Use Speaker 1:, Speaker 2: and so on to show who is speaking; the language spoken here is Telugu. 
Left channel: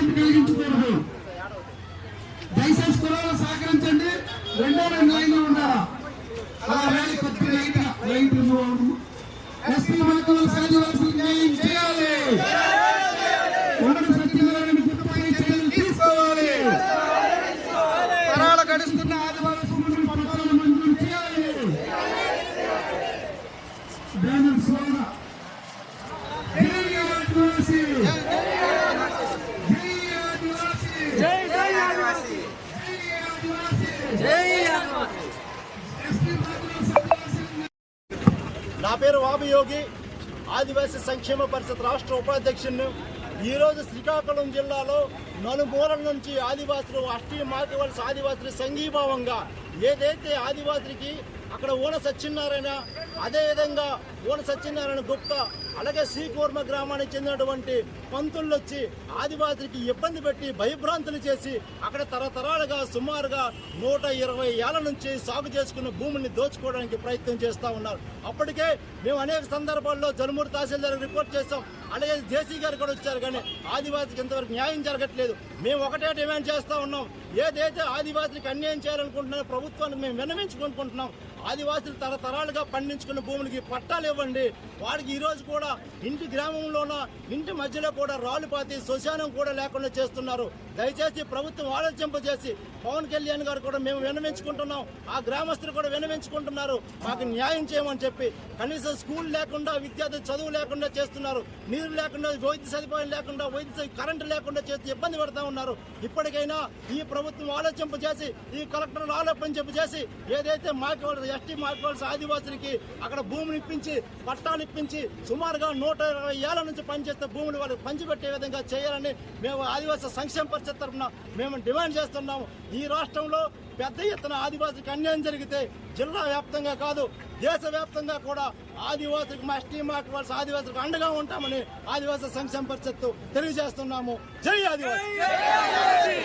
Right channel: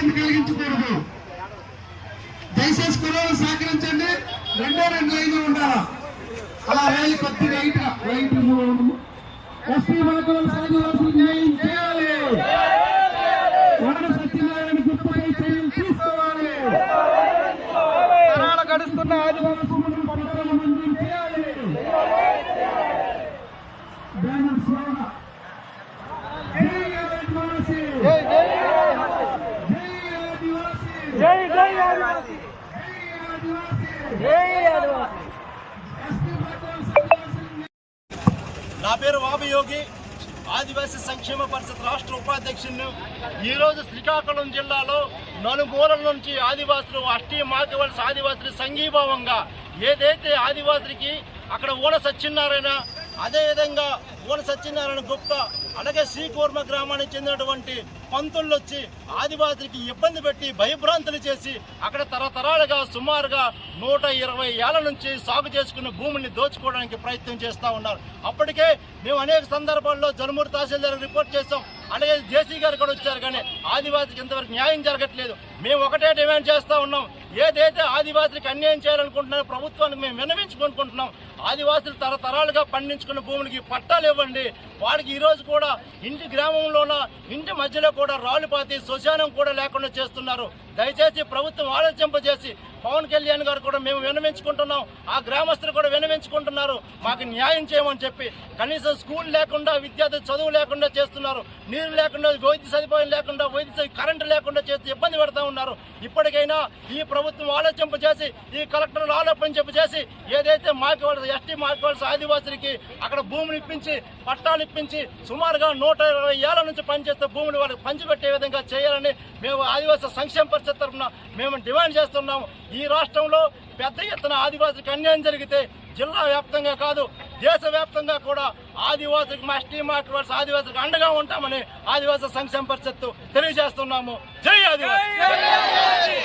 Speaker 1: ఇబ్బంది కలిగించకూడదు దయచేసి కుర్రలు సహకరించండి. రెండే రెండు లైన్లు ఉండాలా? అలా ర్యాలీ కొద్దిగా రైట్ రైట్ మూవ్ అవ్వడము ఎస్పీ మాకు వలస ఆదివాసులకు న్యాయం చేయాలి. ఉమ్మడి సత్యనారాయణ గుర్తుపై చర్యలు తీసుకోవాలి. తరాల గడుస్తున్న మంజూరు చేయాలి. బ్యానర్ జై ఆదివాసీ జై ఆదివాసీ జై ఆదివాసీ ఎస్పీ మాధవన్ సన్యాసి
Speaker 2: నా పేరు వాబయోగి ఆదివాసీ సంక్షేమ పరిషత్ రాష్ట్ర ఉపాధ్యక్షుడిని. ఈరోజు శ్రీకాకుళం జిల్లాలో నలుమూలల నుంచి ఆదివాసులు అష్టీ మార్గవలస ఆదివాసులు సంఘీభావంగా ఏదైతే ఆదివాసులకి అక్కడ ఓన సత్యనారాయణ అదేవిధంగా ఓన సత్యనారాయణ గుప్త అలాగే శ్రీకూర్మ గ్రామానికి చెందినటువంటి పంతులు వచ్చి ఆదివాసులకి ఇబ్బంది పెట్టి భయభ్రాంతులు చేసి అక్కడ తరతరాలుగా సుమారుగా నూట ఇరవై ఏళ్ళ నుంచి సాగు చేసుకున్న భూమిని దోచుకోవడానికి ప్రయత్నం చేస్తూ ఉన్నారు. అప్పటికే మేము అనేక సందర్భాల్లో జలుమూరు తహసీల్దార్ రిపోర్ట్ చేస్తాం అలాగే జేసీ గారు కూడా వచ్చారు కానీ ఆదివాసికి ఇంతవరకు న్యాయం జరగట్లేదు. మేము ఒకటే డిమాండ్ చేస్తూ ఉన్నాం. ఏదైతే ఆదివాసులకు అన్యాయం చేయాలనుకుంటున్నారో ప్రభుత్వానికి మేము విన్నవించుకుంటున్నాం ఆదివాసులు తరతరాలుగా పండించుకున్న భూములకి పట్టాలు ఇవ్వండి. వాడికి ఈరోజు కూడా ఇంటి గ్రామంలోన ఇంటి మధ్యలో కూడా రాళ్ళు పాతి శ్మశానం కూడా లేకుండా చేస్తున్నారు. దయచేసి ప్రభుత్వం ఆలోచింపజేసి పవన్ కళ్యాణ్ గారు కూడా మేము వినవించుకుంటున్నాం ఆ గ్రామస్తులు కూడా వినవించుకుంటున్నారు మాకు న్యాయం చేయమని చెప్పి కనీసం స్కూల్ లేకుండా విద్యార్థి చదువు లేకుండా చేస్తున్నారు. నీరు లేకుండా వైద్య సదుపాయం లేకుండా వైద్య కరెంటు లేకుండా చేసి ఇబ్బంది పెడతా ఉన్నారు. ఇప్పటికైనా ఈ ప్రభుత్వం ఆలోచింపజేసి ఈ కలెక్టర్లు ఆలోచింప చేసి ఏదైతే మాకు ఎస్టీ మాకు ఆదివాసులకి అక్కడ భూమిని ఇప్పించి పట్టాలు ఇప్పించి సుమారుగా నూట ఇరవై ఏళ్ళ నుంచి పనిచేస్తే భూములు వాళ్ళకి పంచిపెట్టే విధంగా చేయాలని మేము ఆదివాసీ సంక్షేమ పరిషత్ తరఫున మేము డిమాండ్ చేస్తున్నాము. ఈ రాష్ట్రంలో పెద్ద ఎత్తున ఆదివాసులకు అన్యాయం జరిగితే జిల్లా వ్యాప్తంగా కాదు దేశ వ్యాప్తంగా కూడా ఆదివాసులకు మా ఎస్టీ మార్కెట్ ఆదివాసులకు అండగా ఉంటామని ఆదివాసీ సంక్షేమ పరిషత్తు తెలియజేస్తున్నాము. జై ఆదివాసి!